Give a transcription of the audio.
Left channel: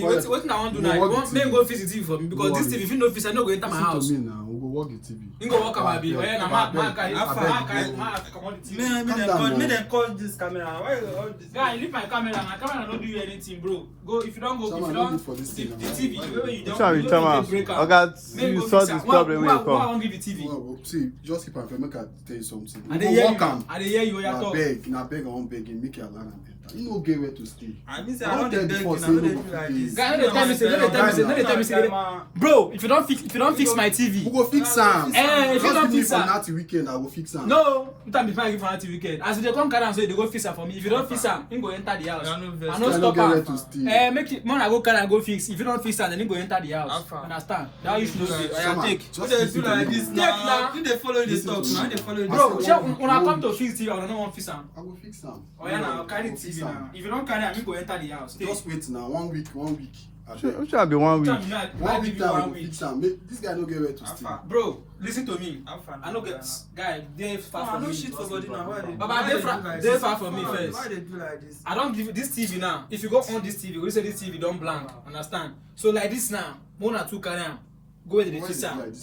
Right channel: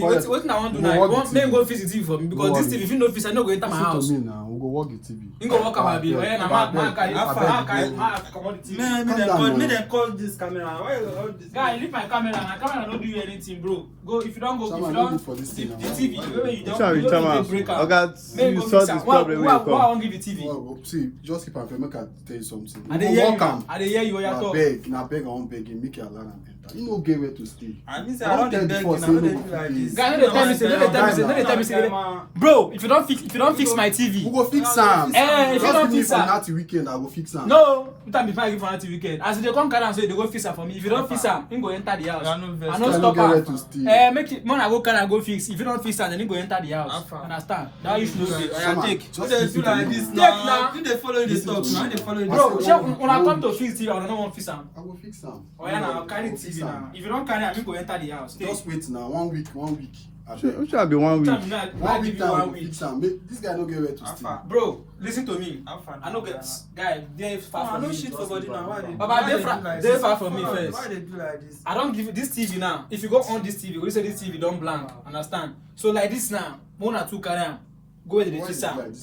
What I want to do now? Want me go fix the TV for me because this TV if you no fix, I no go enter my house. Listen to me now. We go work the TV. You go work my baby. Yeah, Make them call this camera. Why all this? Guy, leave my camera. My camera no do you anything, bro. Go if you don't go. Someone If you no don't good for this the thing now. TV, the way you Which don't. one you tell me? break out. Okay, Make you go solve fix this am. problem when you Why I come. won't give the TV? Well, see, just keep on fair. Make I tell you something. I dey hear you. I dey hear you. You Na talk. beg, I won't beg you. Make your alarm enter. You no get where to stay. I mean, say I don't dey beg you. I Say don't no dey go do like fit this. dey. Guy, no dey tell me say, no dey tell me say. Bro, if you don't fix my We TV. go fix am. Eh, if you Just don't give me fix for am. that weekend, I go fix am. No, you time before I give for anti weekend. As they come carry am say they go fix am for me. If you don't fix am, him go enter the house. I no vex. I no I no stop get where am. to stay. Make it, when I go carry am go fix. If you don't fix am, then him go enter the house. Alpha. Understand? That you should know. Someone, Take. just Who dey keep do it like alone. this Take now? now. Who dey follow this talk? Who dey follow this Bro, talk? shey when I come to fix TV, I don't want fix am. I go fix am. Oh yeah, now carry TV now. If you don't carry am, him go enter the house. Take. Just wait now. 1 week. Which one be 1 week? One week time, I go fix am. This guy no get where to stay. Alpha. Bro, listen to me. Alpha. I no get guy. They far I from no me. shit for body now. Why they? Baba, why they do far- like they this? far from me Why- first. Why they do like this? I don't give you this TV now. If you go on this TV, we say this TV don't blank. Understand? So like this now, 1 or 2 carry am. Go where they Why fix is it am. like this?